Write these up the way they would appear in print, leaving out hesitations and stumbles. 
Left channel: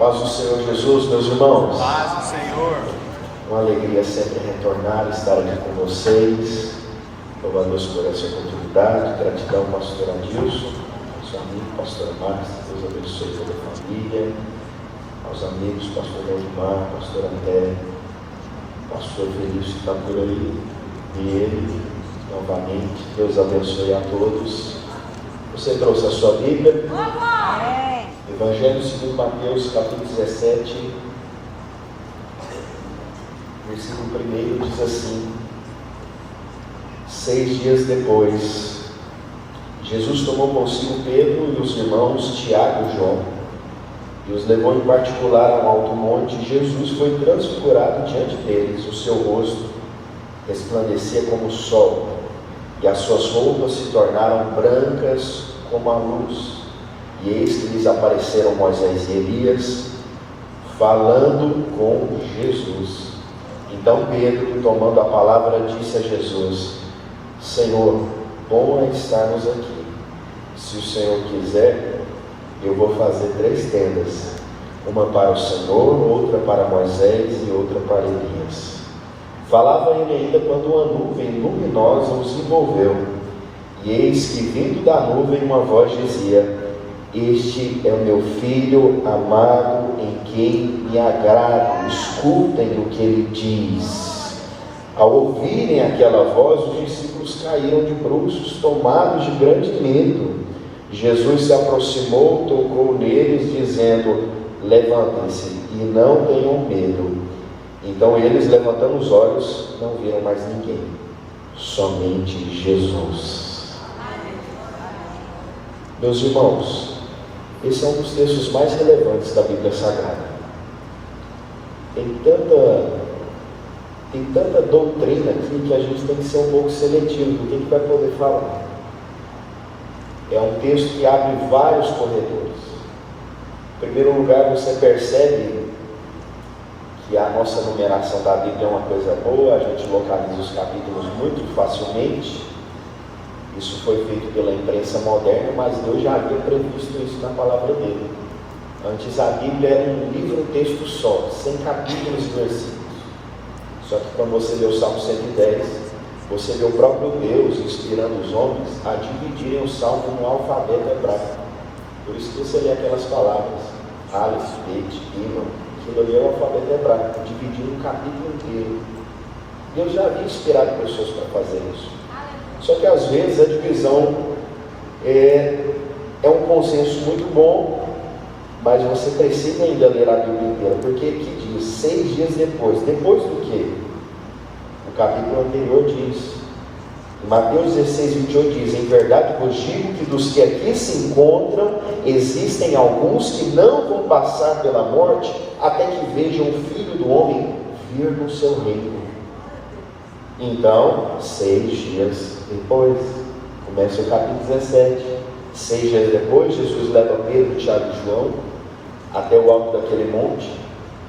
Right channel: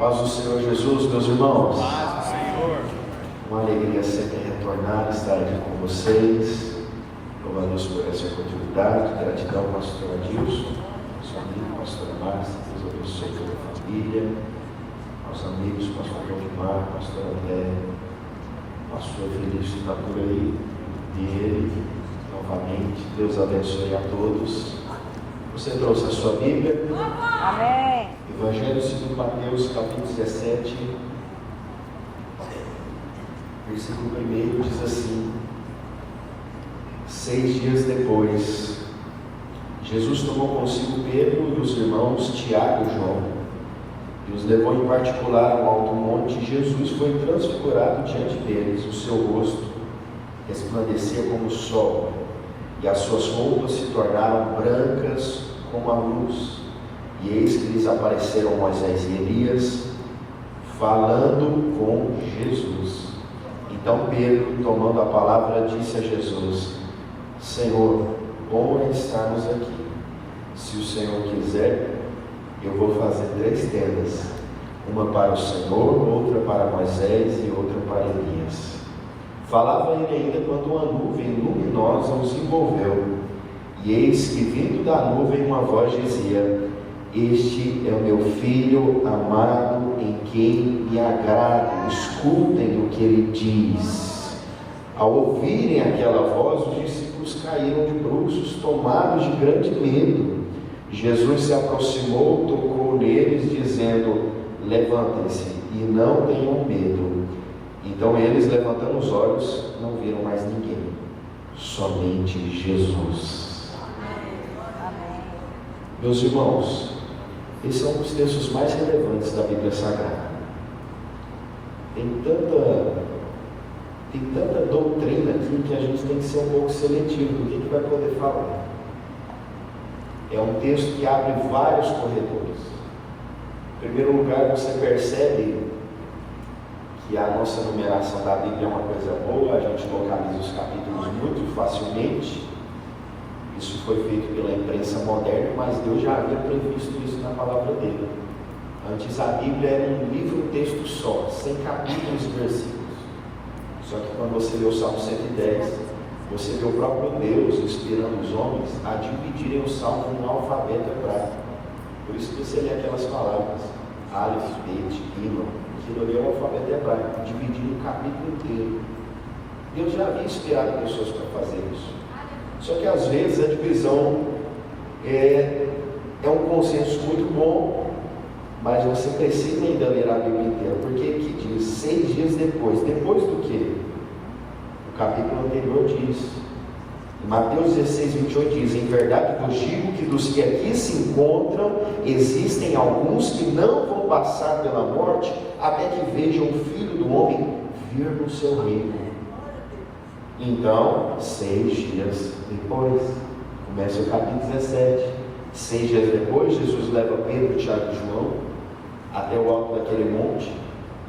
Paz do Senhor Jesus, meus irmãos. Paz do Senhor. Uma alegria sempre retornar e estar aqui com vocês. Louvo a Deus por essa oportunidade. Gratidão, pastor Adilson, nosso amigo, pastor Márcio. Deus abençoe toda a família. Aos amigos, pastor Edmar, pastor André, pastor Felício está por aí. E ele, novamente, Deus abençoe a todos. Você trouxe a sua Bíblia? Evangelho segundo Mateus, capítulo 17, versículo 1 diz assim: 6 dias depois, Jesus tomou consigo Pedro e os irmãos Tiago e João, e os levou em particular a um alto monte. Jesus foi transfigurado diante deles, o seu rosto resplandecia como o sol, e as suas roupas se tornaram brancas como a luz. E eis que lhes apareceram Moisés e Elias, falando com Jesus. Então Pedro, tomando a palavra, disse a Jesus: Senhor, bom é estarmos aqui. Se o Senhor quiser, eu vou fazer 3 tendas, uma para o Senhor, outra para Moisés e outra para Elias. Falava ele ainda quando uma nuvem luminosa os envolveu, e eis que, vindo da nuvem, uma voz dizia: Este é o meu filho amado, em quem me agrado, escutem o que ele diz. Ao ouvirem aquela voz, os discípulos caíram de bruços, tomados de grande medo. Jesus se aproximou, tocou neles, dizendo: Levantem-se e não tenham medo. Então eles, levantando os olhos, não viram mais ninguém, somente Jesus. Meus irmãos, esse é um dos textos mais relevantes da Bíblia Sagrada. Tem tanta doutrina aqui que a gente tem que ser um pouco seletivo do que vai poder falar. É um texto que abre vários corredores. Em primeiro lugar, você percebe que a nossa numeração da Bíblia é uma coisa boa, a gente localiza os capítulos muito facilmente. Isso foi feito pela imprensa moderna, mas Deus já havia previsto isso na palavra dele. Antes a Bíblia era um livro, texto só, sem capítulos e versículos. Só que quando você lê o Salmo 110, você vê o próprio Deus inspirando os homens a dividirem o Salmo no alfabeto hebraico. Por isso que você lê aquelas palavras, Aleph, Bet, Gimel, aquilo ali é o alfabeto hebraico, dividindo um capítulo inteiro. Deus já havia inspirado pessoas para fazer isso. Só que às vezes a divisão é um consenso muito bom, mas você precisa ainda ler a Bíblia inteira, porque aqui diz 6 dias depois. Depois do que? O capítulo anterior diz, em Mateus 16, 28 diz: Em verdade vos digo que dos que aqui se encontram, existem alguns que não vão passar pela morte, até que vejam o Filho do Homem vir no seu reino. Então, 6 dias depois, começa o capítulo 17. 6 dias depois, Jesus leva Pedro, Tiago e João até o alto daquele monte,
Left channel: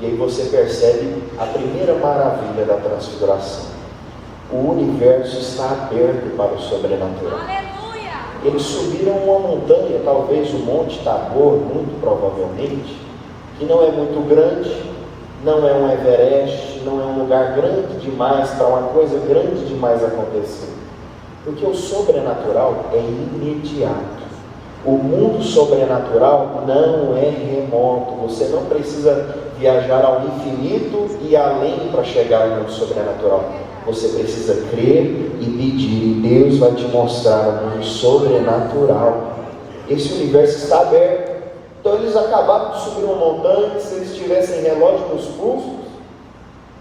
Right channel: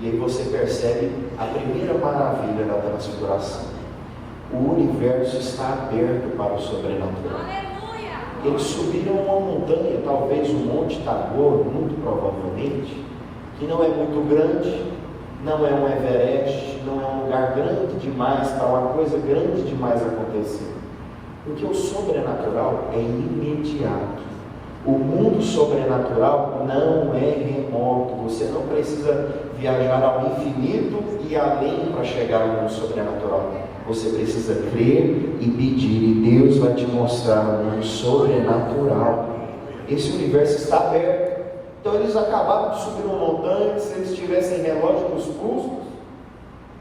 e aí você percebe a primeira maravilha da transfiguração. O universo está aberto para o sobrenatural. Eles subiram uma montanha, talvez o Monte Tabor, muito provavelmente, que não é muito grande, não é um Everest, não é um lugar grande demais para uma coisa grande demais acontecer. Porque o sobrenatural é imediato. O mundo sobrenatural não é remoto. Você não precisa viajar ao infinito e além para chegar ao mundo sobrenatural. Você precisa crer e pedir, e Deus vai te mostrar o mundo sobrenatural. Esse universo está aberto. Então eles acabaram de subir uma montanha. Se eles tivessem relógio nos pulsos,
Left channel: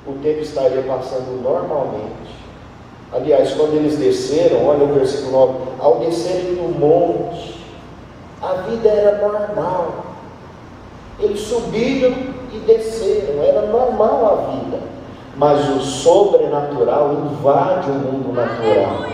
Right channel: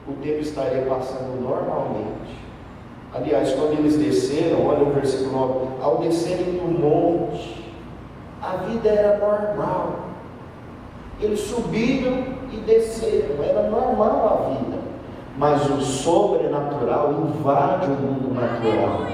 o tempo estaria passando normalmente. Aliás, quando eles desceram, olha o versículo 9: ao descerem do monte, a vida era normal. Eles subiram e desceram, era normal a vida. Mas o sobrenatural invade o mundo natural.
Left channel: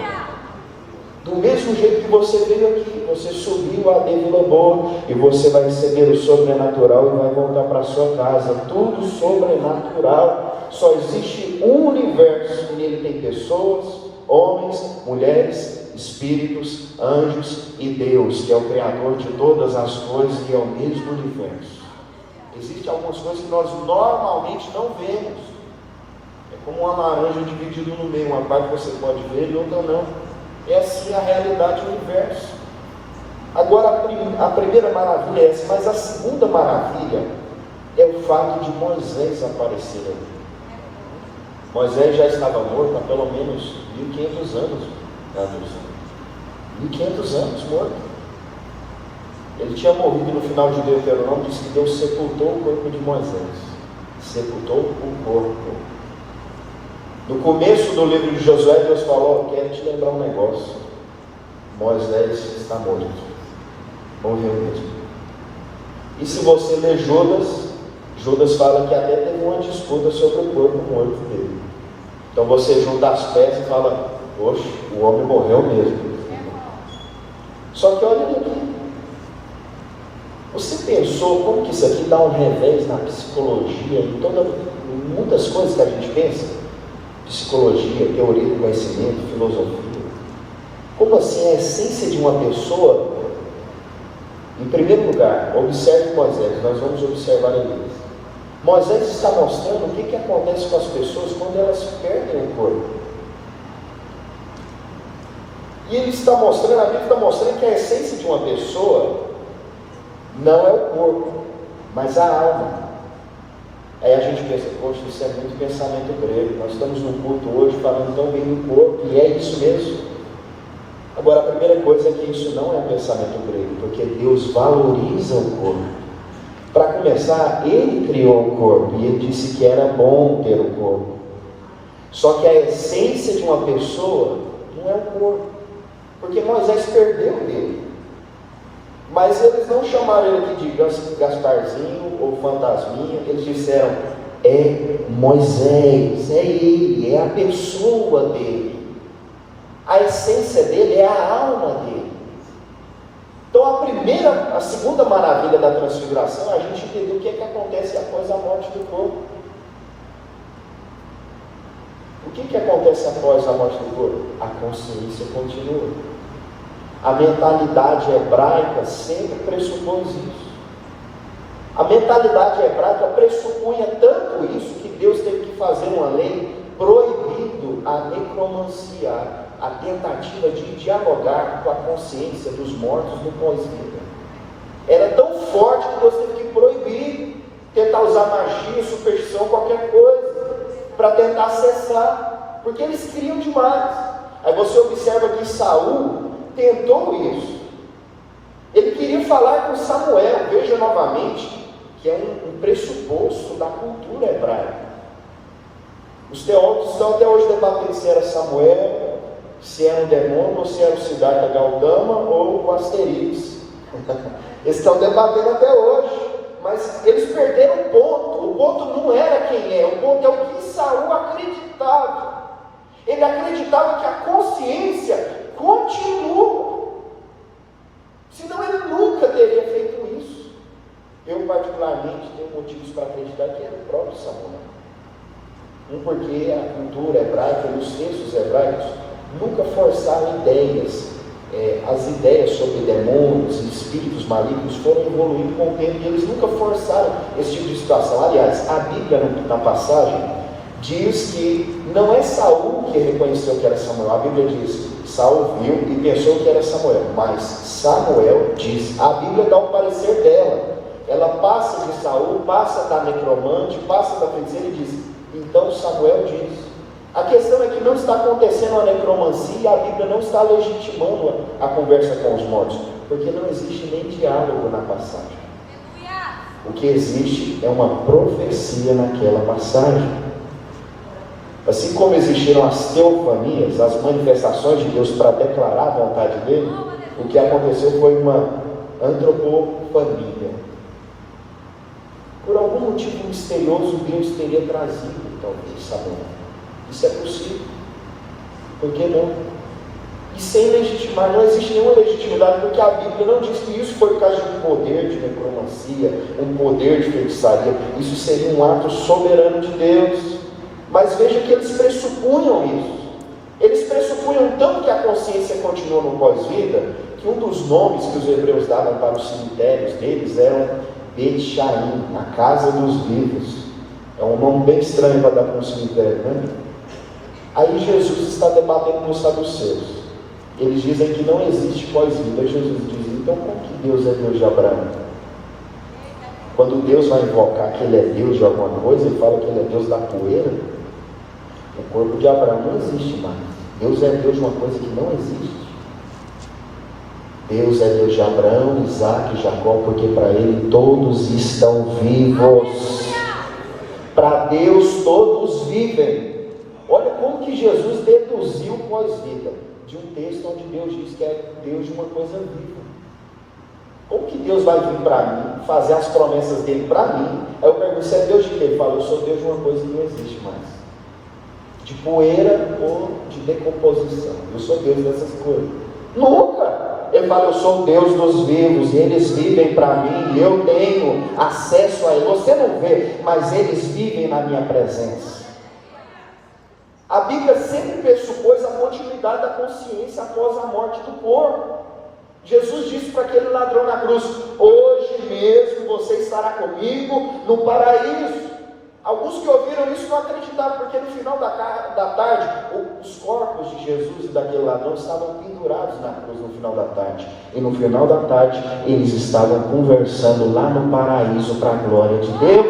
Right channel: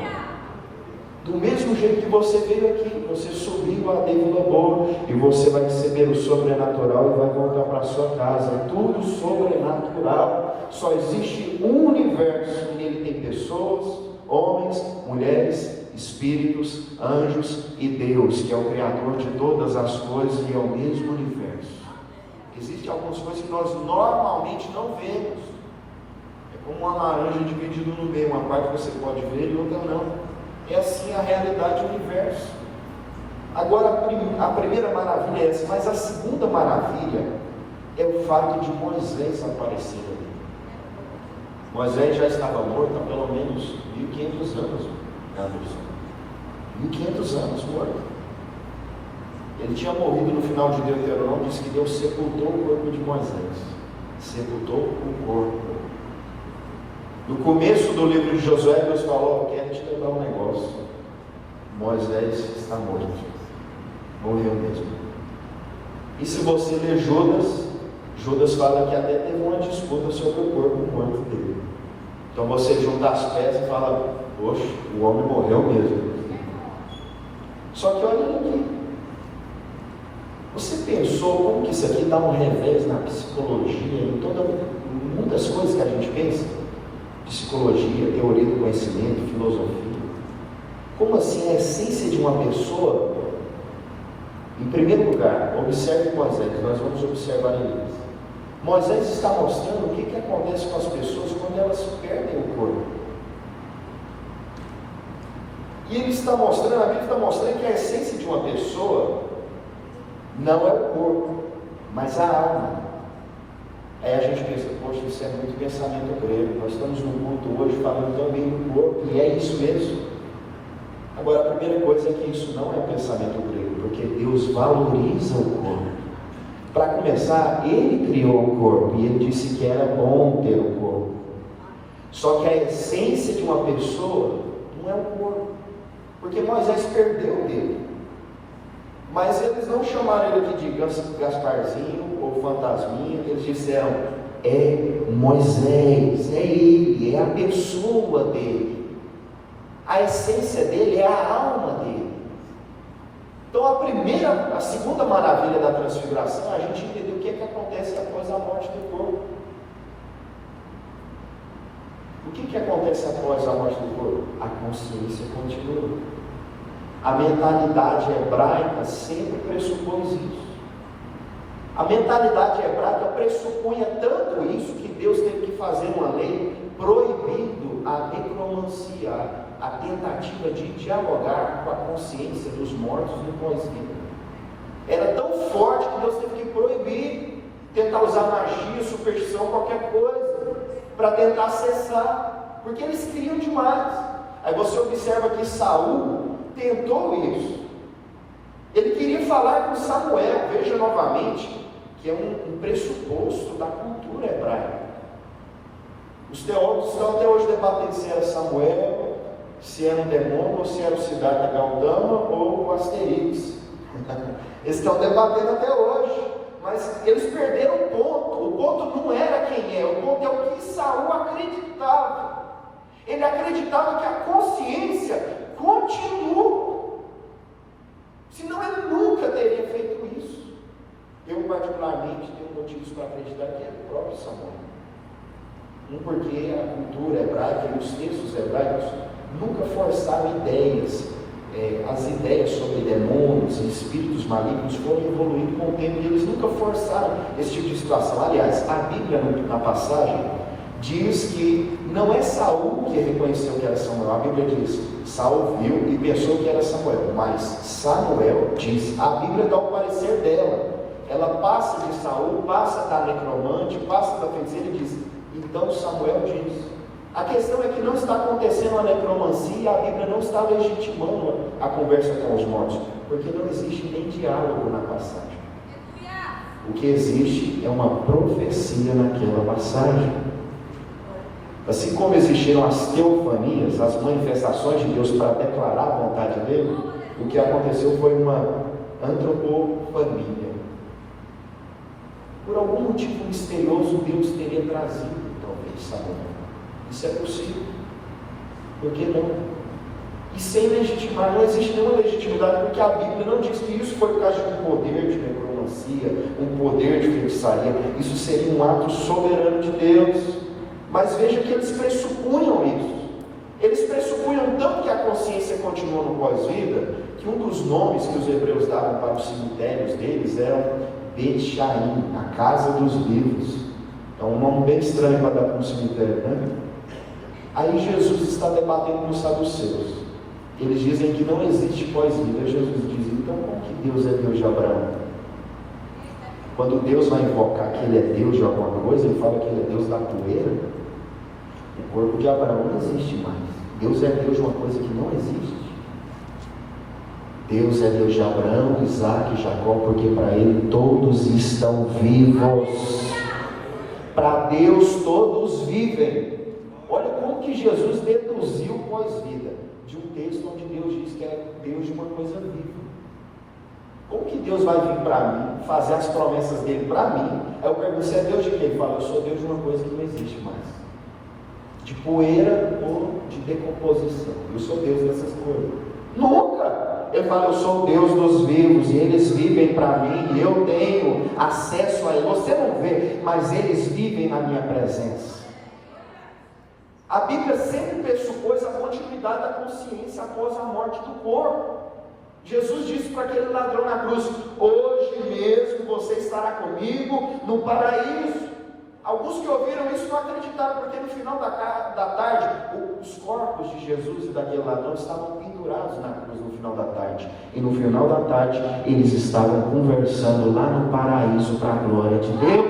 Do mesmo jeito que você veio aqui, você subiu a Vila Boa e você vai receber o sobrenatural e vai voltar para a sua casa. Tudo sobrenatural. Só existe um universo, e nele tem pessoas, homens, mulheres, espíritos, anjos e Deus, que é o Criador de todas as coisas e é o mesmo universo. Existem algumas coisas que nós normalmente não vemos. É como uma laranja dividida no meio, uma parte você pode ver e outra não. É assim a realidade do universo. Agora, a primeira maravilha é essa, mas a segunda maravilha é o fato de Moisés aparecer ali. Moisés já estava morto há pelo menos 1500 anos, Anderson. 1500 anos morto. Ele tinha morrido no final de Deuteronômio, diz que Deus sepultou o corpo de Moisés. Sepultou o corpo. No começo do livro de Josué, Deus falou: quero te lembrar um negócio. Moisés está morto. Morreu mesmo. E se você ler Judas fala que até teve uma disputa sobre o corpo morto dele. Então você junta as peças e fala: poxa, o homem morreu mesmo. Só que olha ele aqui. Você pensou como que isso aqui dá um revés na psicologia, em muitas coisas que a gente pensa? Psicologia, teoria do conhecimento, filosofia. Como assim a essência de uma pessoa? Em primeiro lugar, observe Moisés, nós vamos observar ali. Moisés está mostrando o que acontece com as pessoas quando elas perdem o corpo. E ele está mostrando, a Bíblia está mostrando que a essência de uma pessoa não é o corpo, mas a alma. Aí a gente pensa: poxa, isso é muito pensamento grego. Nós estamos no culto hoje falando tão bem do corpo, e é isso mesmo. Agora, a primeira coisa é que isso não é um pensamento grego, porque Deus valoriza o corpo. Para começar, Ele criou o corpo, e Ele disse que era bom ter o corpo. Só que a essência de uma pessoa não é o corpo, porque Moisés perdeu ele. Mas eles não chamaram ele aqui de Gasparzinho ou Fantasminha. Eles disseram: é Moisés, é ele, é a pessoa dele. A essência dele é a alma dele. Então a segunda maravilha da transfiguração é a gente entender o que é que acontece após a morte do corpo. O que acontece após a morte do corpo? A consciência continua. A mentalidade hebraica sempre pressupôs isso. A mentalidade hebraica pressupunha tanto isso que Deus teve que fazer uma lei proibindo a necromancia, a tentativa de dialogar com a consciência dos mortos no pós-vida. Era tão forte que Deus teve que proibir, tentar usar magia, superstição, qualquer coisa, para tentar cessar, porque eles queriam demais. Aí você observa que Saul tentou isso. Ele queria falar com Samuel. Veja novamente que é um pressuposto da cultura hebraica. Os teólogos estão até hoje debatendo se era Samuel, se era um demônio, ou se era o Siddhartha Gautama ou o Asterix. Eles estão debatendo até hoje, mas eles perderam o ponto. O ponto não era quem é, o ponto é o que Saul acreditava. Ele acreditava que a consciência continua, senão ele nunca teria feito isso. Eu particularmente tenho motivos para acreditar que era o próprio Samuel. Porque a cultura hebraica e os textos hebraicos nunca forçaram ideias. As ideias sobre demônios e espíritos malignos foram evoluindo com o tempo, e eles nunca forçaram esse tipo de situação. Aliás, a Bíblia, na passagem, diz que não é Saul que reconheceu que era Samuel. A Bíblia diz: Saul viu e pensou que era Samuel, mas Samuel diz, a Bíblia dá o parecer dela. Ela passa de Saul, passa da necromante, passa da feiticeira e diz: então Samuel diz. A questão é que não está acontecendo a necromancia e a Bíblia não está legitimando a conversa com os mortos, porque não existe nem diálogo na passagem. O que existe é uma profecia naquela passagem. Assim como existiram as teofanias, as manifestações de Deus para declarar a vontade dele, o que aconteceu foi uma antropofania. Por algum motivo misterioso, Deus teria trazido, talvez, Samuel. Isso é possível. Por que não? E sem legitimar, não existe nenhuma legitimidade, porque a Bíblia não diz que isso foi por causa de um poder de necromancia, um poder de feitiçaria. Isso seria um ato soberano de Deus. Mas veja que eles pressupunham isso. Eles pressupunham tanto que a consciência continua no pós-vida, que um dos nomes que os hebreus davam para os cemitérios deles eram Bet Shaim, a casa dos vivos. É um nome bem estranho para dar para um cemitério, né? Aí Jesus está debatendo com os saduceus. Eles dizem que não existe pós-vida. Aí Jesus diz: então como que Deus é Deus de Abraão? Quando Deus vai invocar que Ele é Deus de alguma coisa, Ele fala que Ele é Deus da poeira. O corpo de Abraão não existe mais. Deus é Deus de uma coisa que não existe. Deus é Deus de Abraão, Isaac e Jacó, porque para Ele todos estão vivos. Para Deus todos vivem. Olha como que Jesus deduziu pós-vida de um texto onde Deus diz que é Deus de uma coisa viva. Como que Deus vai vir para mim, fazer as promessas dele para mim? Aí eu pergunto: você é Deus de quê? Ele fala: eu sou Deus de uma coisa que não existe mais, de poeira ou de decomposição. Eu sou Deus dessas coisas. Nunca! Ele fala: eu sou o Deus dos vivos, e eles vivem para mim, e eu tenho acesso a eles. Você não vê, mas eles vivem na minha presença. A Bíblia sempre pressupôs a continuidade da consciência após a morte do corpo. Jesus disse para aquele ladrão na cruz: hoje mesmo você estará comigo no paraíso. Alguns que ouviram isso não acreditaram, porque no final da tarde, os corpos de Jesus e daquele ladrão estavam pendurados na cruz no final da tarde. E no final da tarde, eles estavam conversando lá no paraíso para a glória de Deus.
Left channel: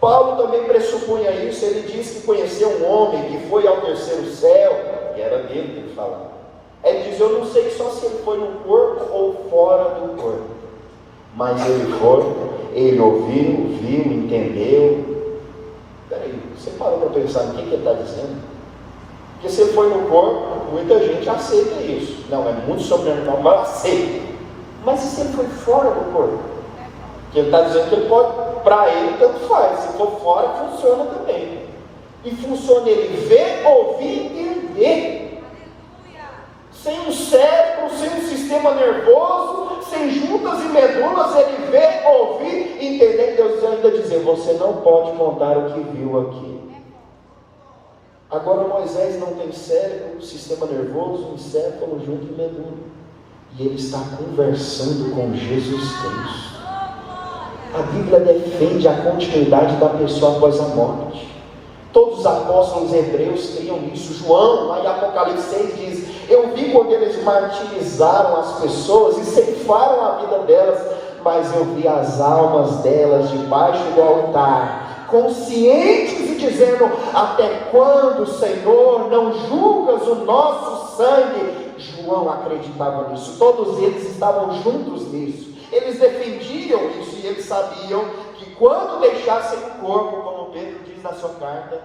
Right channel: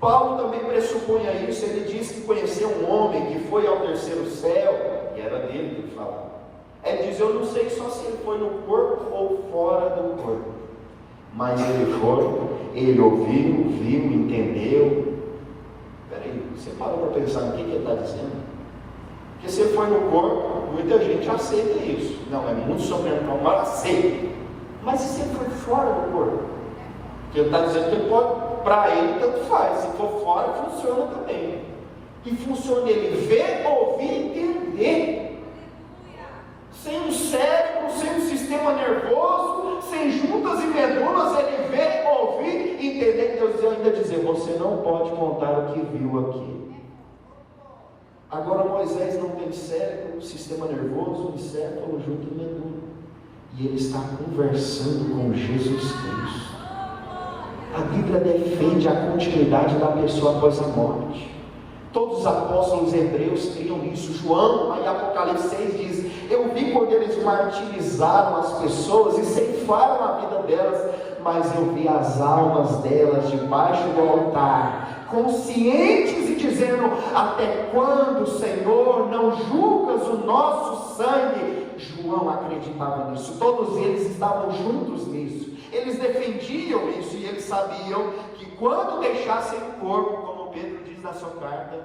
Paulo também pressupunha isso. Ele disse que conheceu um homem que foi ao terceiro céu, e era dele que ele falava. Ele diz: eu não sei só se ele foi no corpo ou fora do corpo, mas ele foi, ele ouviu, viu, entendeu. Peraí, você parou para pensar no que ele está dizendo? Porque se ele foi no corpo, muita gente aceita isso. Não, é muito sobrenatural, mas aceita. Mas e se ele foi fora do corpo? Porque ele está dizendo que ele pode, para ele tanto faz, se for fora funciona também. E funciona ele ver, ouvir, entender. Sem um cérebro, sem um sistema nervoso, sem juntas e medulas, ele vê, ouvir, entender. Deus ainda dizer: você não pode contar o que viu aqui. Agora Moisés não tem cérebro, sistema nervoso, encéfalo, junto e medula. E ele está conversando com Jesus Cristo. A Bíblia defende a continuidade da pessoa após a morte. Todos os apóstolos hebreus criam nisso. João, lá em Apocalipse 6 diz: eu vi quando eles martirizaram as pessoas e ceifaram a vida delas, mas eu vi as almas delas debaixo do altar, conscientes e dizendo: até quando, Senhor, não julgas o nosso sangue? João acreditava nisso. Todos eles estavam juntos nisso. Eles defendiam isso e eles sabiam que quando deixassem o corpo, como Pedro diz na sua carta,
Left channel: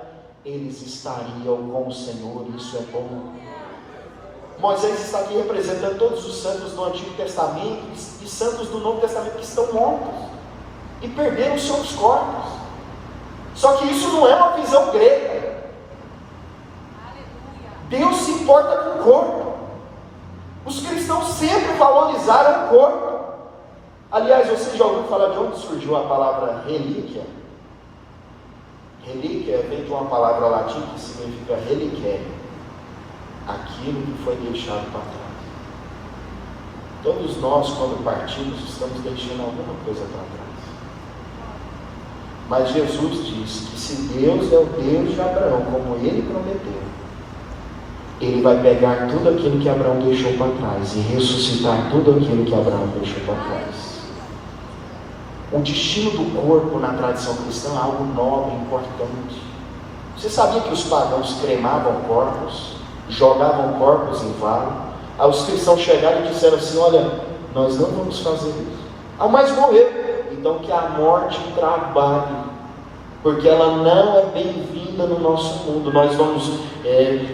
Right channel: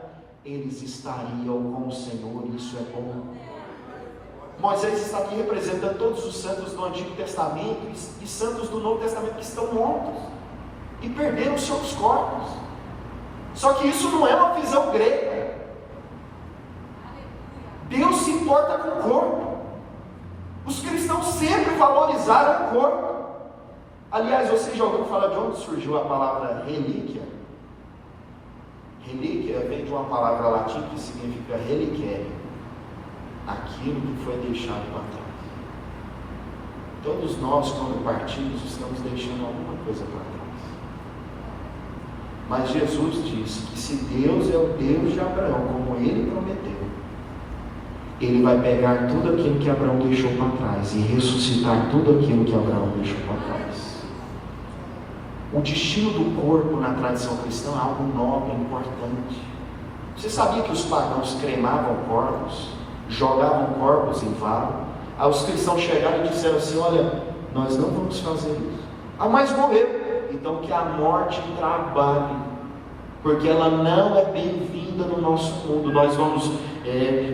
eles estariam com o Senhor. Isso é bom. Moisés está aqui representando todos os santos do Antigo Testamento e santos do Novo Testamento que estão mortos e perderam seus corpos. Só que isso não é uma visão grega. Deus se importa com o corpo. Os cristãos sempre valorizaram o corpo. Aliás, você já ouviu falar de onde surgiu a palavra relíquia? Relíquia vem de uma palavra latim que significa reliquério, aquilo que foi deixado para trás. Todos nós, quando partimos, estamos deixando alguma coisa para trás. Mas Jesus diz que se Deus é o Deus de Abraão, como Ele prometeu, Ele vai pegar tudo aquilo que Abraão deixou para trás e ressuscitar tudo aquilo que Abraão deixou para trás. O destino do corpo na tradição cristã é algo nobre, importante. Você sabia que os pagãos cremavam corpos, jogavam corpos em vale? Aí os cristãos chegaram e disseram assim: olha, nós não vamos fazer isso. Ah, mas morreu. Então que a morte trabalhe, porque ela não é bem-vinda no nosso mundo. Nós vamos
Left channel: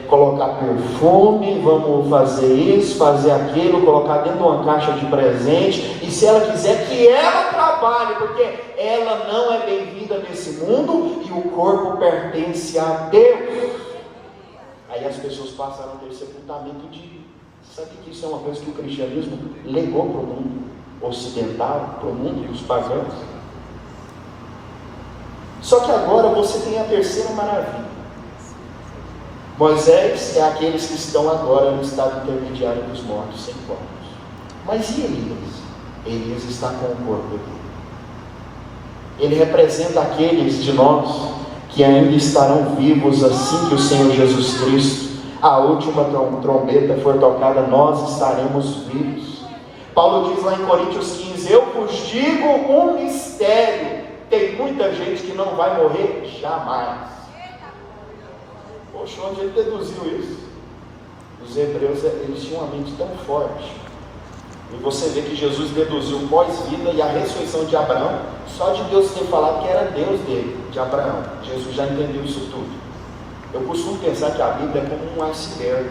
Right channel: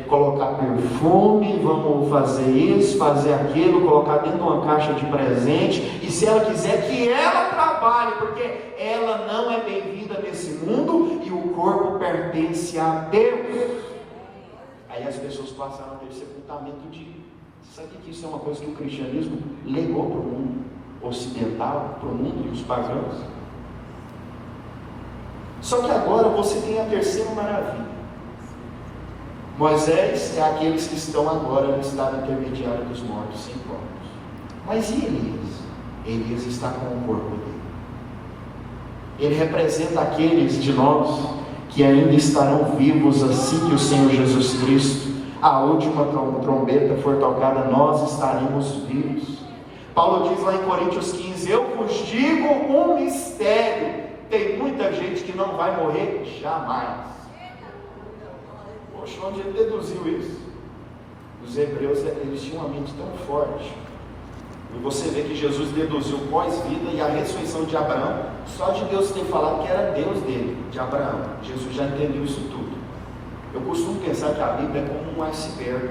colocar perfume, vamos fazer isso, fazer aquilo, colocar dentro de uma caixa de presente, e se ela quiser, que ela trabalhe, porque ela não é bem-vinda nesse mundo e o corpo pertence a Deus. Aí as pessoas passaram a ter sepultamento de... Sabe que isso é uma coisa que o cristianismo legou para o mundo ocidental, para o mundo dos pagãos? Só que agora você tem a terceira maravilha. Moisés é aqueles que estão agora no estado intermediário dos mortos sem corpos. Mas e Elias? Elias está com o corpo dele. Ele representa aqueles de nós que ainda estarão vivos assim que o Senhor Jesus Cristo, a última trombeta for tocada, nós estaremos vivos. Paulo diz lá em Coríntios 15: eu vos digo um mistério, tem muita gente que não vai morrer jamais. Poxa, onde ele deduziu isso? Os hebreus, eles tinham uma mente tão forte, e você vê que Jesus deduziu pós-vida e a ressurreição de Abraão, só de Deus ter falado que era Deus dele, de Abraão. Jesus já entendeu isso tudo. Eu costumo pensar que a Bíblia é como um iceberg.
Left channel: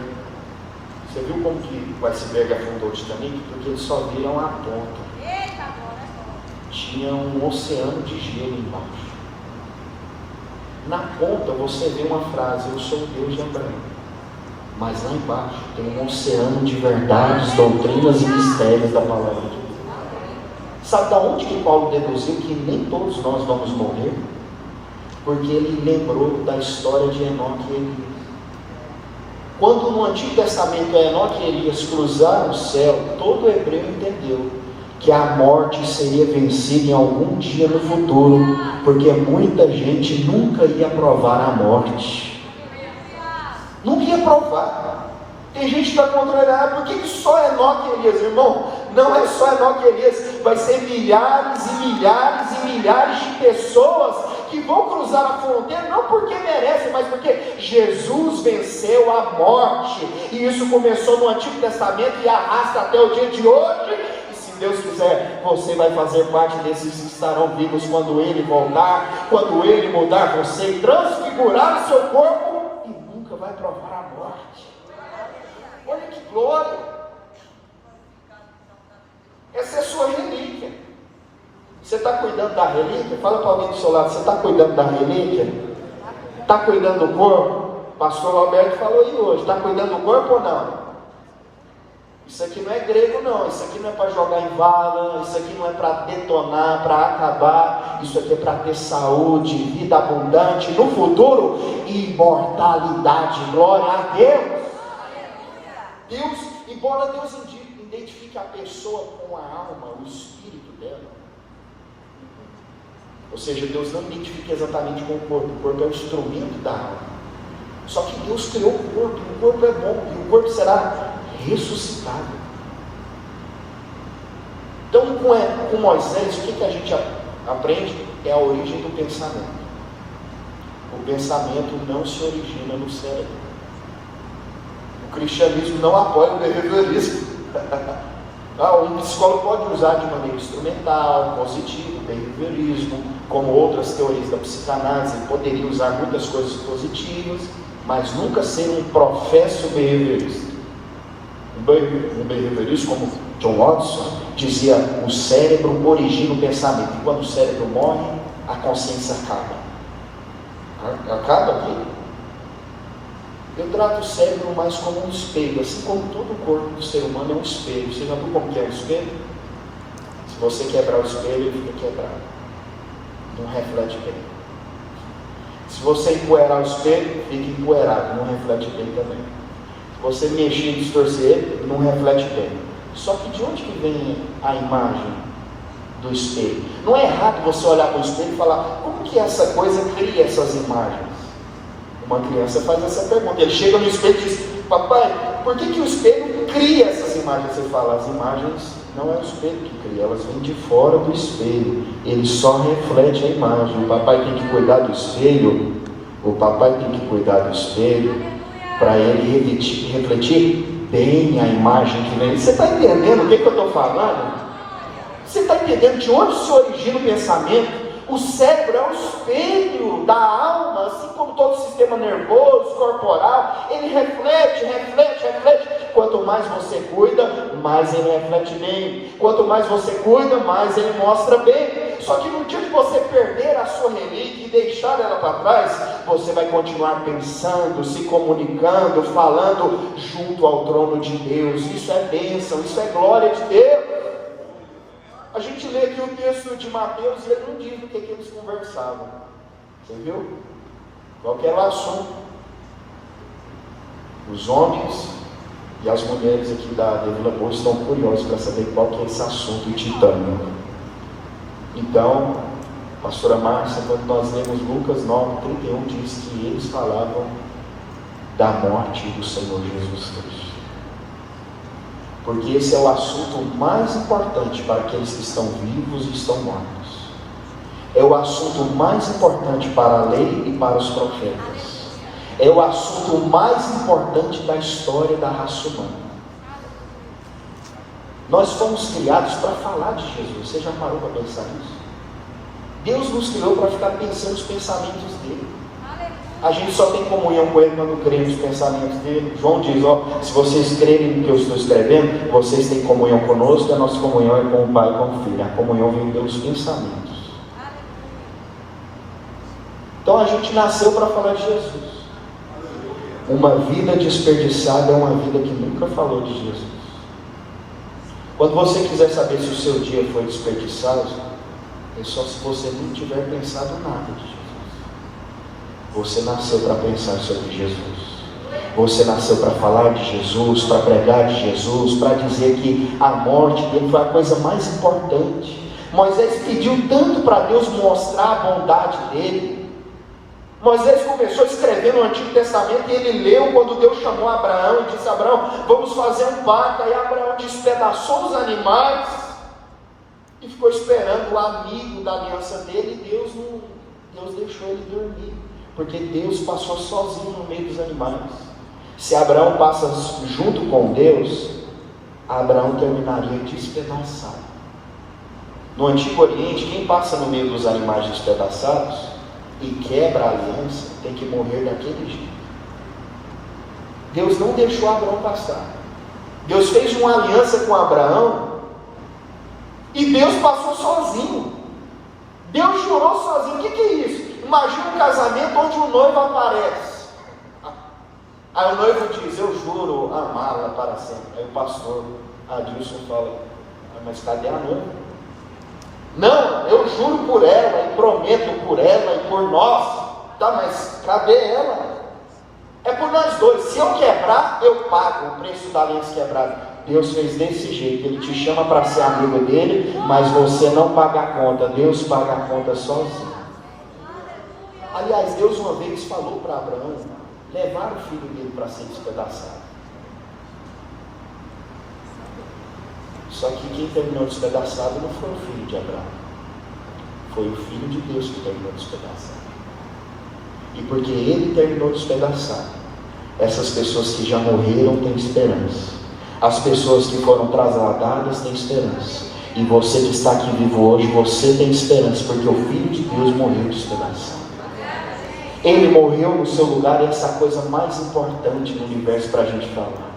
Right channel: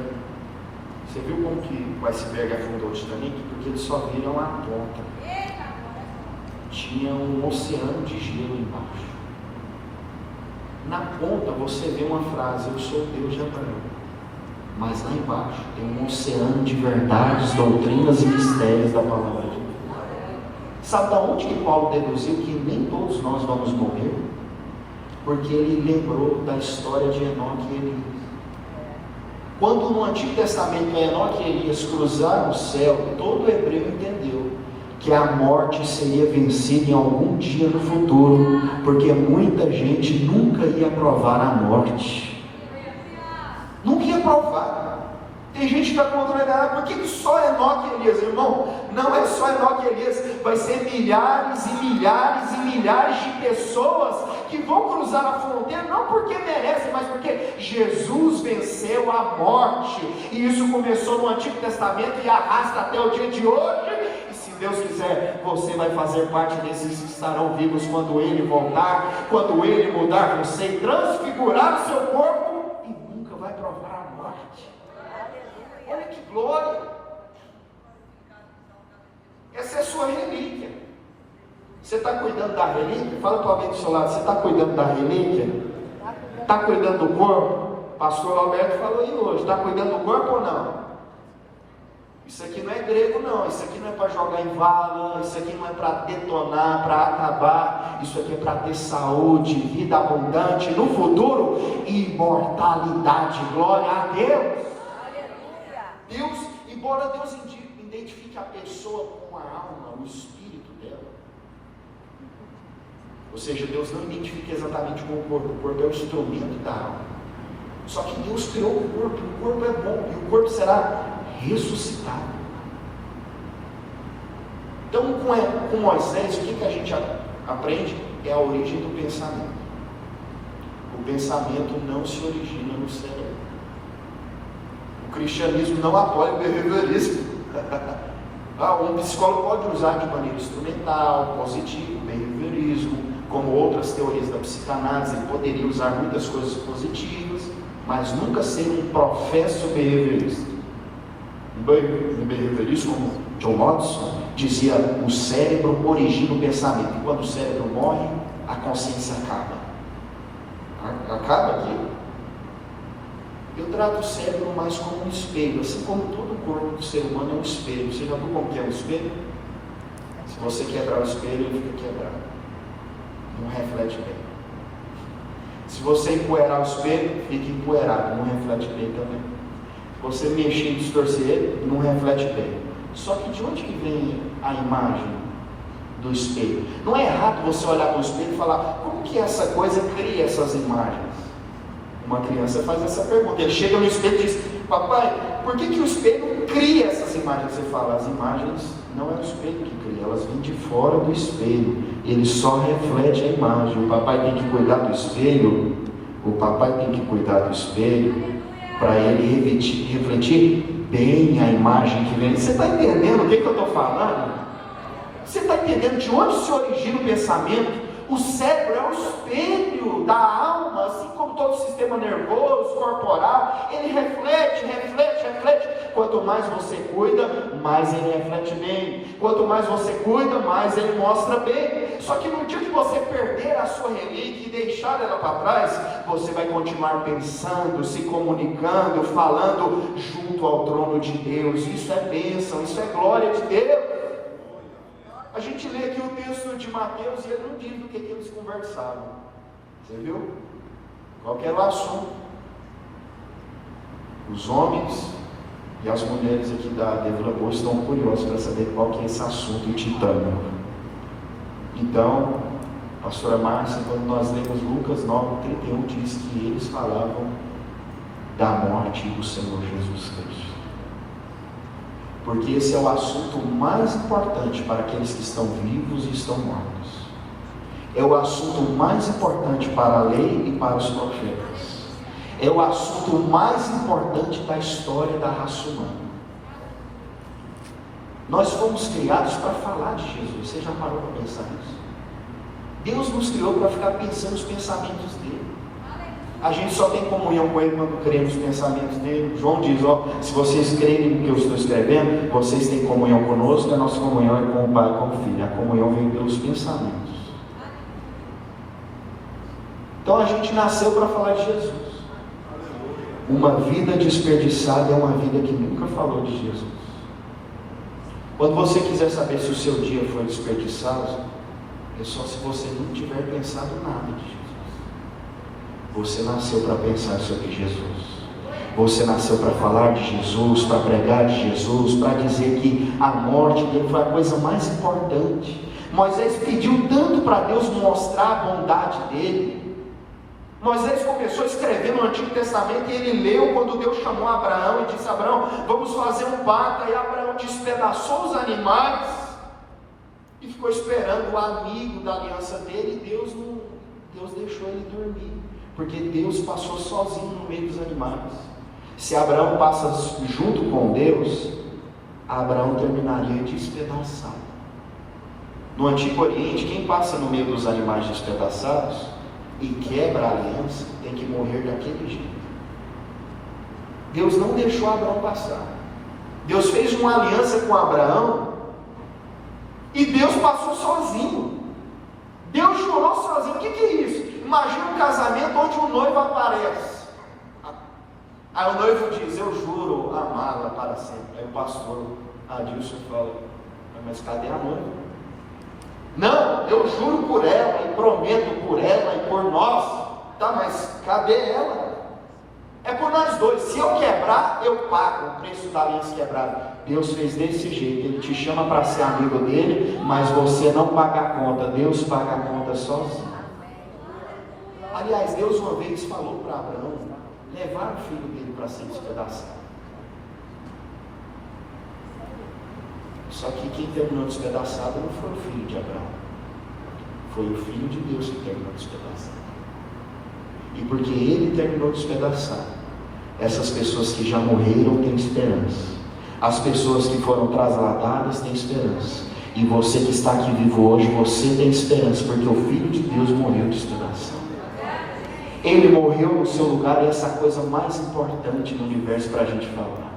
Você viu como que o iceberg afundou o Titanic? Porque eles só viram a ponta. Tinha um oceano de gelo embaixo. Na ponta você vê uma frase: eu sou o Deus de Abraão. Mas lá embaixo tem um oceano de verdades, doutrinas e mistérios da palavra de Deus. Sabe de onde que Paulo deduziu que nem todos nós vamos morrer? Porque ele lembrou da história de Enoque e Elias. Quando no Antigo Testamento Enoque e Elias cruzaram o céu, todo hebreu entendeu que a morte seria vencida em algum dia no futuro, porque muita gente nunca ia provar a morte. Nunca ia provar. Tem gente que está contrariando: por que só Enoque e Elias? Irmão, não é só Enoque e Elias, vai ser milhares e milhares e milhares de pessoas que vão cruzar a fronteira, não porque merecem, mas porque Jesus venceu a morte, e isso começou no Antigo Testamento e arrasta até o dia de hoje. E se Deus quiser, você vai fazer parte desses que estarão vivos quando Ele voltar, quando Ele mudar você e transfigurar o seu corpo, vai provar a morte. Olha que glória! Essa é a sua relíquia. Você está cuidando da relíquia? Fala para alguém do seu lado: você está cuidando da relíquia? Está cuidando do corpo? O pastor Alberto falou aí hoje: está cuidando do corpo ou não? Isso aqui não é grego não, isso aqui não é para jogar em vala, isso aqui não é para detonar, para acabar, isso aqui é para ter saúde, vida abundante, no futuro, imortalidade. Glória a Deus. Deus, embora Deus identifique a pessoa com a alma, o espírito dela, ou seja, Deus não identifica exatamente com o corpo é o instrumento da alma. Só que Deus criou o corpo é bom, e o corpo será ressuscitado. Então, com Moisés, o que a gente aprende? É a origem do pensamento. O pensamento não se origina no cérebro. O cristianismo não apoia o behaviorismo. Um psicólogo pode usar de maneira instrumental, positiva, o behaviorismo, como outras teorias da psicanálise. Ele poderia usar muitas coisas positivas, mas nunca ser um professo behaviorista. No behaviorismo, como John Watson dizia, o cérebro origina o pensamento, e quando o cérebro morre, a consciência acaba. Acaba aqui. Eu trato o cérebro mais como um espelho, assim como todo o corpo do ser humano é um espelho. Você já viu como que é um espelho? Se você quebrar o espelho, ele fica quebrado, não reflete bem. Se você empoeirar o espelho, fica empoeirado, não reflete bem também. Você mexer e distorcer ele, não reflete bem. Só que de onde que vem a imagem do espelho? Não é errado você olhar para o espelho e falar: como que essa coisa cria essas imagens? Uma criança faz essa pergunta. Ele chega no espelho e diz: papai, por que o espelho cria essas imagens? Você fala: as imagens não é o espelho que cria, elas vêm de fora do espelho. Ele só reflete a imagem. O papai tem que cuidar do espelho. O papai tem que cuidar do espelho para ele refletir bem a imagem que vem. Você está entendendo o que eu estou falando? Você está entendendo de onde se origina o pensamento? O cérebro é o espelho da alma, assim como todo o sistema nervoso, corporal. Ele reflete. Quanto mais você cuida, mais ele reflete bem. Quanto mais você cuida, mais ele mostra bem. Só que no dia que você perder a sua relíquia e deixar ela para trás, você vai continuar pensando, se comunicando, falando junto ao trono de Deus. Isso é bênção, isso é glória de Deus. A gente lê aqui o texto de Mateus e ele não diz do que eles conversavam. Você viu? Qual que era o assunto? Os homens E as mulheres aqui da Vila Boa estão curiosas para saber qual que é esse assunto, o titânio. Então, pastora Márcia, quando nós lemos Lucas 9:31, diz que eles falavam da morte do Senhor Jesus Cristo. Porque esse é o assunto mais importante para aqueles que estão vivos e estão mortos. É o assunto mais importante para a lei e para os profetas. É o assunto mais importante da história da raça humana. Nós fomos criados para falar de Jesus. Você já parou para pensar nisso? Deus nos criou para ficar pensando nos pensamentos dele. A gente só tem comunhão com ele quando cremos nos pensamentos dele. João diz, se vocês crerem no que eu estou escrevendo, vocês têm comunhão conosco, e a nossa comunhão é com o Pai e com o Filho. A comunhão vem pelos pensamentos. Então a gente nasceu para falar de Jesus. Uma vida desperdiçada é uma vida que nunca falou de Jesus. Quando você quiser saber se o seu dia foi desperdiçado, é só se você não tiver pensado nada de Jesus. Você nasceu para pensar sobre Jesus. Você nasceu para falar de Jesus, para pregar de Jesus, para dizer que a morte dele foi a coisa mais importante. Moisés pediu tanto para Deus mostrar a bondade dele. Moisés começou a escrever no Antigo Testamento e ele leu quando Deus chamou Abraão e disse: Abraão, vamos fazer um pacto. Aí Abraão despedaçou os animais e ficou esperando o amigo da aliança dele, e Deus deixou ele dormir, porque Deus passou sozinho no meio dos animais. Se Abraão passa junto com Deus, Abraão terminaria despedaçado. No Antigo Oriente, quem passa no meio dos animais despedaçados e quebra a aliança, tem que morrer daquele jeito. Deus não deixou Abraão passar. Deus fez uma aliança com Abraão e Deus passou sozinho. Deus jurou sozinho. O que é isso? Imagina um casamento onde o noivo aparece. Aí o noivo diz: eu juro amá-la para sempre. Aí o pastor Adilson fala: mas cadê a noiva? Não, eu juro por ela e prometo por ela e por nós. Tá, mas cadê ela? É por nós dois. Se eu quebrar, eu pago o preço da aliança quebrada. Deus fez desse jeito. Ele te chama para ser amigo dele, mas você não paga a conta. Deus paga a conta sozinho. Aliás, Deus uma vez falou para Abraão levar o filho dele para ser despedaçado. Só que quem terminou despedaçado não foi o filho de Abraão, foi o filho de Deus que terminou despedaçado. E porque ele terminou despedaçado, essas pessoas que já morreram têm esperança. As pessoas que foram trasladadas têm esperança. E você que está aqui vivo hoje, você tem esperança, porque o Filho de Deus morreu despedaçado. Ele morreu no seu lugar, e essa é a coisa mais importante no universo para a gente falar.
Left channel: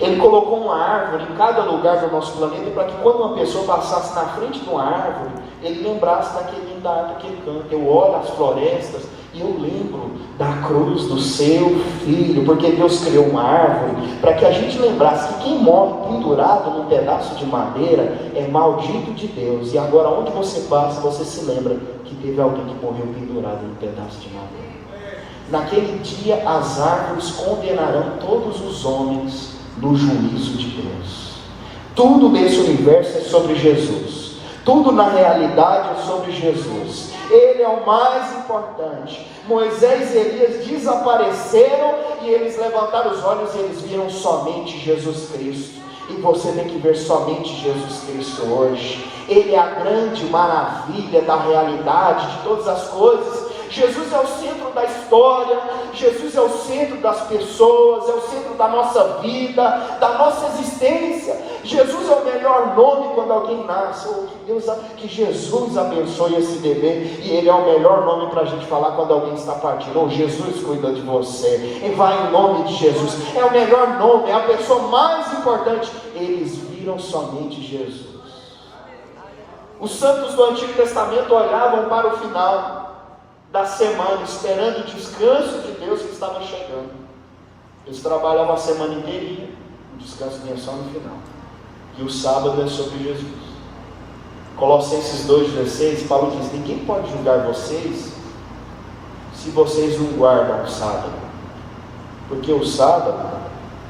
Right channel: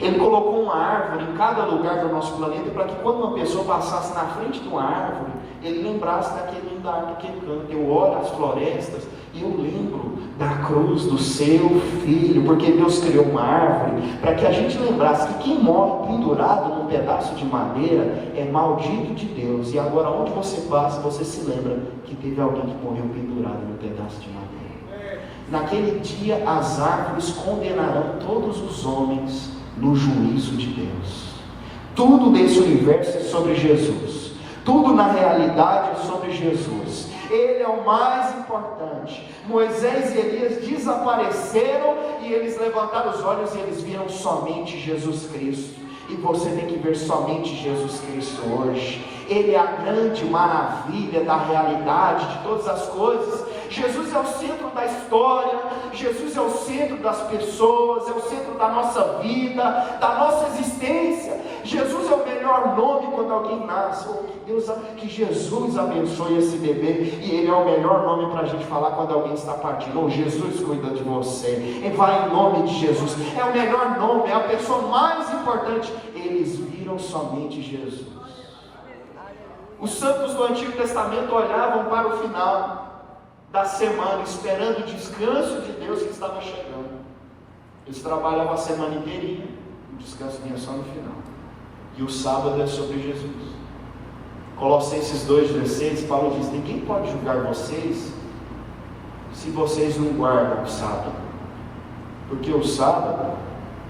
Ele colocou uma árvore em cada lugar do nosso planeta, para que quando uma pessoa passasse na frente de uma árvore, ele lembrasse daquele da árvore que ele canta. Eu olho as florestas e eu lembro da cruz do seu filho, porque Deus criou uma árvore para que a gente lembrasse que quem morre pendurado num pedaço de madeira é maldito de Deus. E agora onde você passa, você se lembra que teve alguém que morreu pendurado num pedaço de madeira. Naquele dia as árvores condenarão todos os homens no juízo de Deus. Tudo nesse universo é sobre Jesus. Tudo na realidade é sobre Jesus. Ele é o mais importante. Moisés e Elias desapareceram e eles levantaram os olhos e eles viram somente Jesus Cristo. E você tem que ver somente Jesus Cristo hoje. Ele é a grande maravilha da realidade de todas as coisas. Jesus é o centro da história, Jesus é o centro das pessoas, é o centro da nossa vida, da nossa existência. Jesus é o melhor nome quando alguém nasce. Que Jesus abençoe esse bebê, e ele é o melhor nome para a gente falar quando alguém está partindo. Jesus cuida de você, e vai em nome de Jesus. É o melhor nome, é a pessoa mais importante. Eles viram somente Jesus. Os santos do Antigo Testamento olhavam para o final da semana, esperando o descanso de Deus que estava chegando. Eles trabalhavam a semana inteirinha, o descanso vinha só no final. E o sábado é sobre Jesus. Colossenses 2,16, Paulo diz: ninguém pode julgar vocês se vocês não guardam o sábado, porque o sábado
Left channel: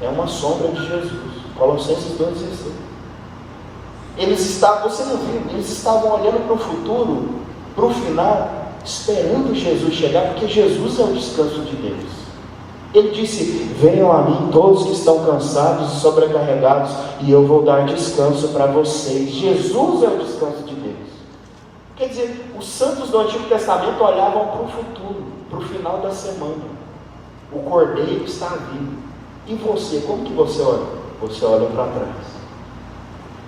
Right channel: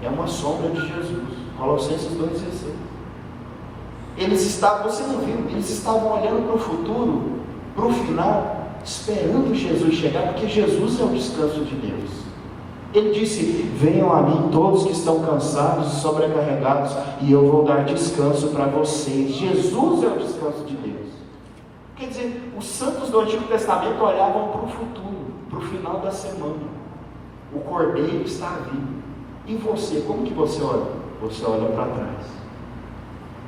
É uma sombra de Jesus. Colossenses 2,16. Eles estavam, você não viu, eles estavam olhando para o futuro, para o final, esperando Jesus chegar, porque Jesus é o descanso de Deus. Ele disse: venham a mim todos que estão cansados e sobrecarregados, e eu vou dar descanso para vocês. Jesus é o descanso de Deus. Quer dizer, os santos do Antigo Testamento olhavam para o futuro, para o final da semana. O Cordeiro está vivo. E você, como que você olha? Você olha para trás.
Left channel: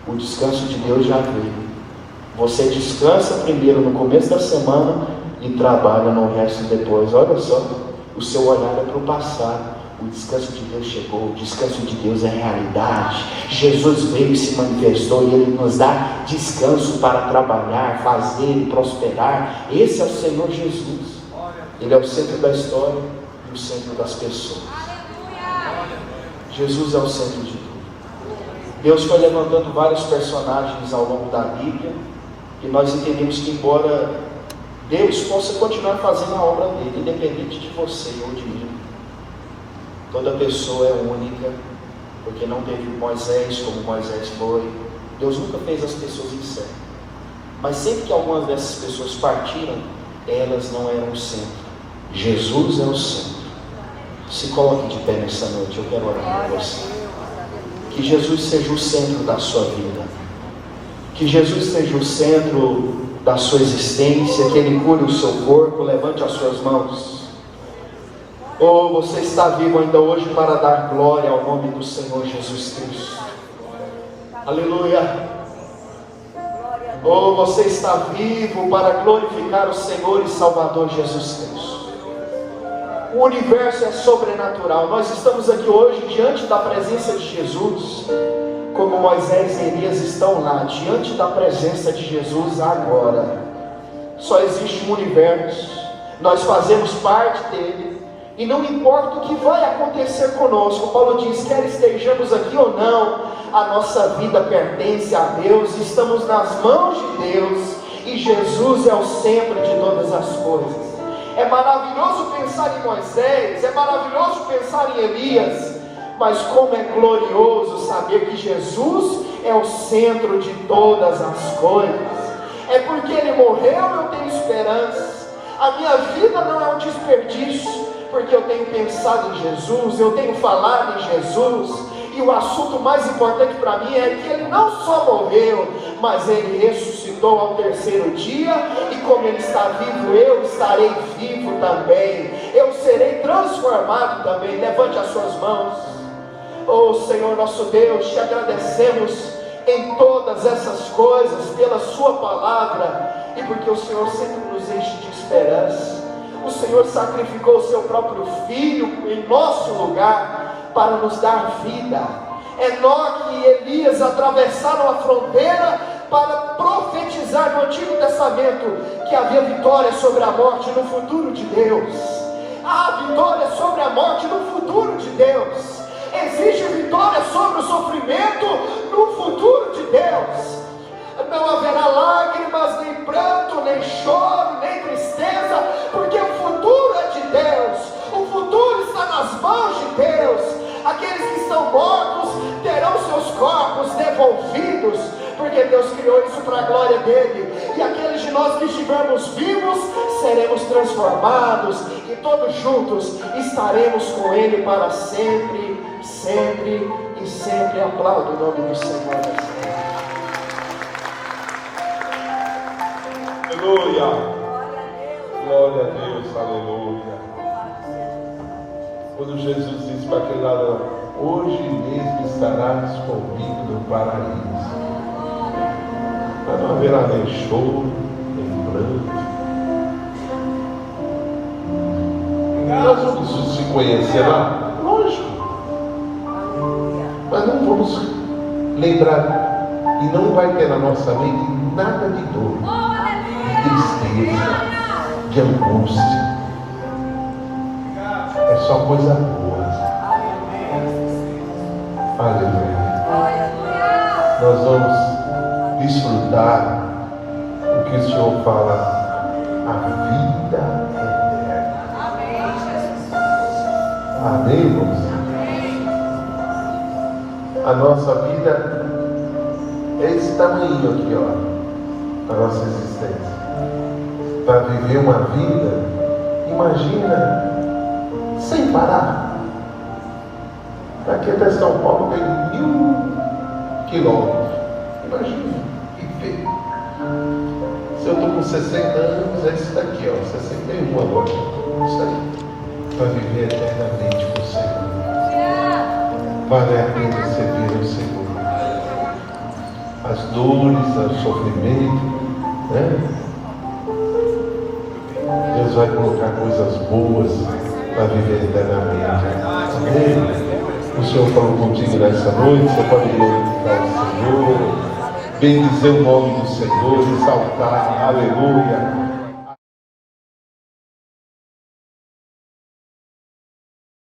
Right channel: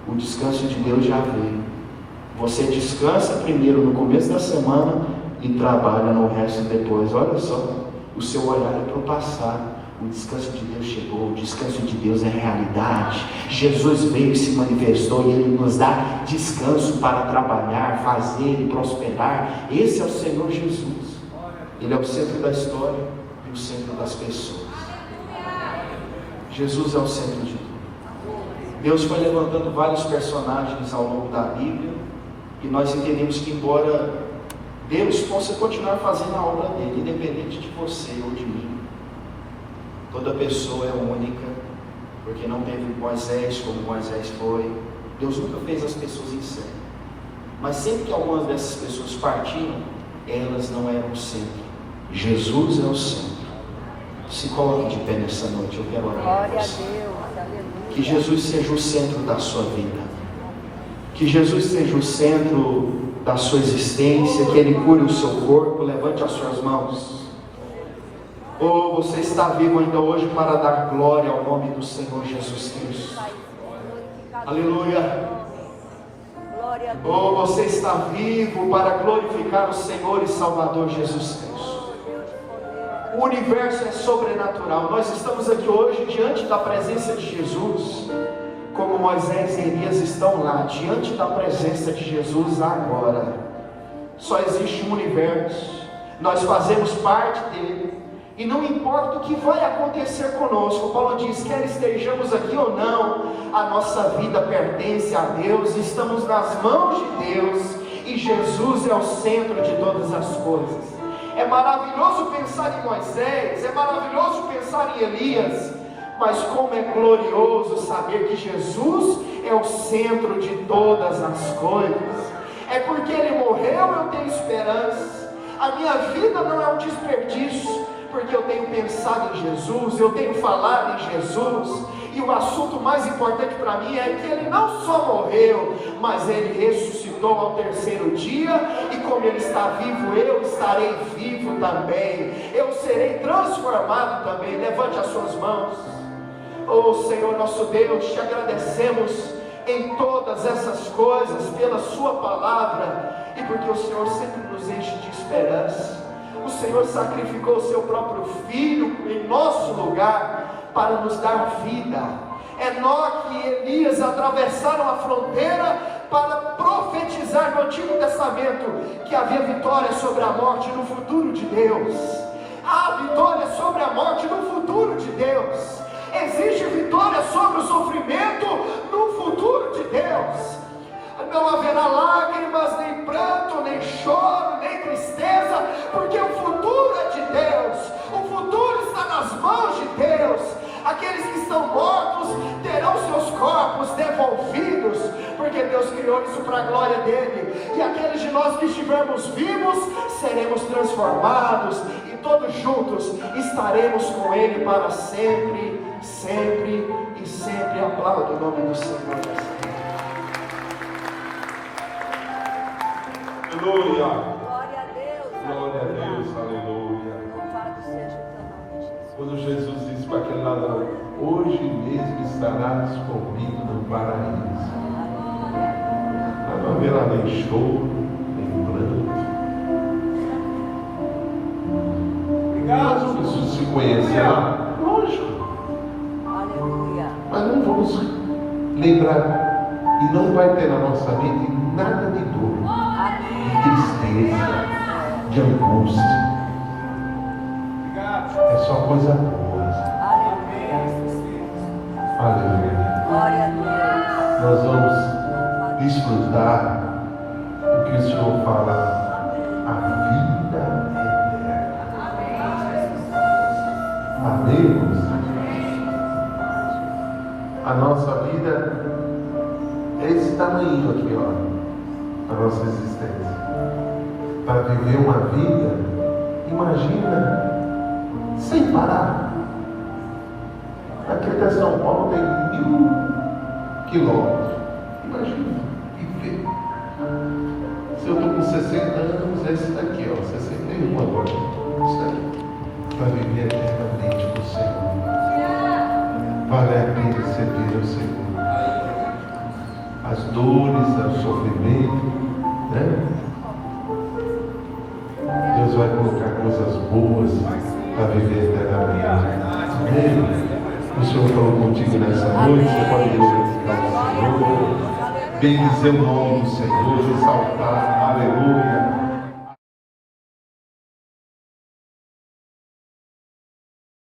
O descanso de Deus já veio. Você descansa primeiro no começo da semana e trabalha no resto depois. Olha só, o seu olhar é para o passado. O descanso de Deus chegou, o descanso de Deus é realidade. Jesus veio e se manifestou e Ele nos dá descanso para trabalhar, fazer e prosperar. Esse é o Senhor Jesus. Ele é o centro da história e o centro das pessoas. Jesus é o centro de tudo. Deus foi levantando vários personagens ao longo da Bíblia e nós entendemos que, embora Deus possa continuar fazendo a obra dele, independente de você ou de mim, toda pessoa é única, porque não teve Moisés como Moisés foi. Deus nunca fez as pessoas em série, mas sempre que algumas dessas pessoas partiram, elas não eram o centro. Jesus é o centro. Se coloque de pé nessa noite, eu quero orar por você. Que Jesus seja o centro da sua vida, que Jesus seja o centro da sua existência, que Ele cure o seu corpo. Levante as suas mãos. Ou você está vivo ainda hoje para dar glória ao nome do Senhor Jesus Cristo. Aleluia. Ou você está vivo para glorificar o Senhor e Salvador Jesus Cristo. O universo é sobrenatural. Nós estamos aqui hoje diante da presença de Jesus, como Moisés e Elias estão lá, diante da presença de Jesus agora. Só existe um universo, nós fazemos parte dele, e não importa o que vai acontecer conosco. Paulo diz: quer estejamos aqui ou não, a nossa vida pertence a Deus, estamos nas mãos de Deus, e Jesus é o centro de todas as coisas. É maravilhoso pensar em Moisés, é maravilhoso pensar em Elias, mas como é glorioso saber que Jesus é o centro de todas as coisas. É porque Ele morreu, eu tenho esperança. A minha vida não é um desperdício, porque eu tenho pensado em Jesus, eu tenho falado em Jesus. E o assunto mais importante para mim é que Ele não só morreu, mas Ele ressuscitou ao terceiro dia, e como Ele está vivo, eu estarei vivo também, eu serei transformado também. Levante as suas mãos. Oh Senhor nosso Deus, te agradecemos em todas essas coisas, pela sua palavra, e porque o Senhor sempre nos enche de esperança. O Senhor sacrificou o seu próprio Filho em nosso lugar, para nos dar vida. Enoque e Elias atravessaram a fronteira para profetizar no Antigo Testamento que havia vitória sobre a morte no futuro de Deus. Há vitória sobre a morte no futuro de Deus. Existe vitória sobre o sofrimento no futuro de Deus. Não haverá lágrimas, nem pranto, nem choro, nem tristeza, porque o futuro é de Deus. O futuro está nas mãos de Deus. Aqueles que estão mortos terão seus corpos devolvidos, porque Deus criou isso para a glória dele. E aqueles de nós que estivermos vivos seremos transformados, e todos juntos estaremos com Ele para sempre, sempre e sempre. Aplauda o nome do Senhor. Aleluia. Glória a Deus, aleluia. Quando Jesus disse para aquele ladrão: hoje mesmo estarás comigo no paraíso. Não haverá nem choro, nem pranto. Nós vamos se conhecer lá, lógico. Mas não vamos lembrar, e não vai ter na nossa mente nada de dor, de tristeza, de angústia. É só coisa boa. Aleluia. Nós vamos desfrutar o que o Senhor fala: a vida eterna. Amém, irmãos? a nossa vida é esse tamanho aqui, ó, a nossa existência. Para viver uma vida, imagina, sem parar. Daqui até São Paulo tem 1000 quilômetros. Imagina, e vê. Se eu estou com 60 anos, é esse daqui, ó, 61 agora. Isso aí. Para viver eternamente com o Senhor. Vale a pena servir ao Senhor. As dores, o sofrimento, né? Deus vai colocar coisas boas para viver eternamente. Amém? O Senhor falou contigo nessa noite, você pode glorificar o Senhor, bendizer o nome do Senhor, exaltar, aleluia.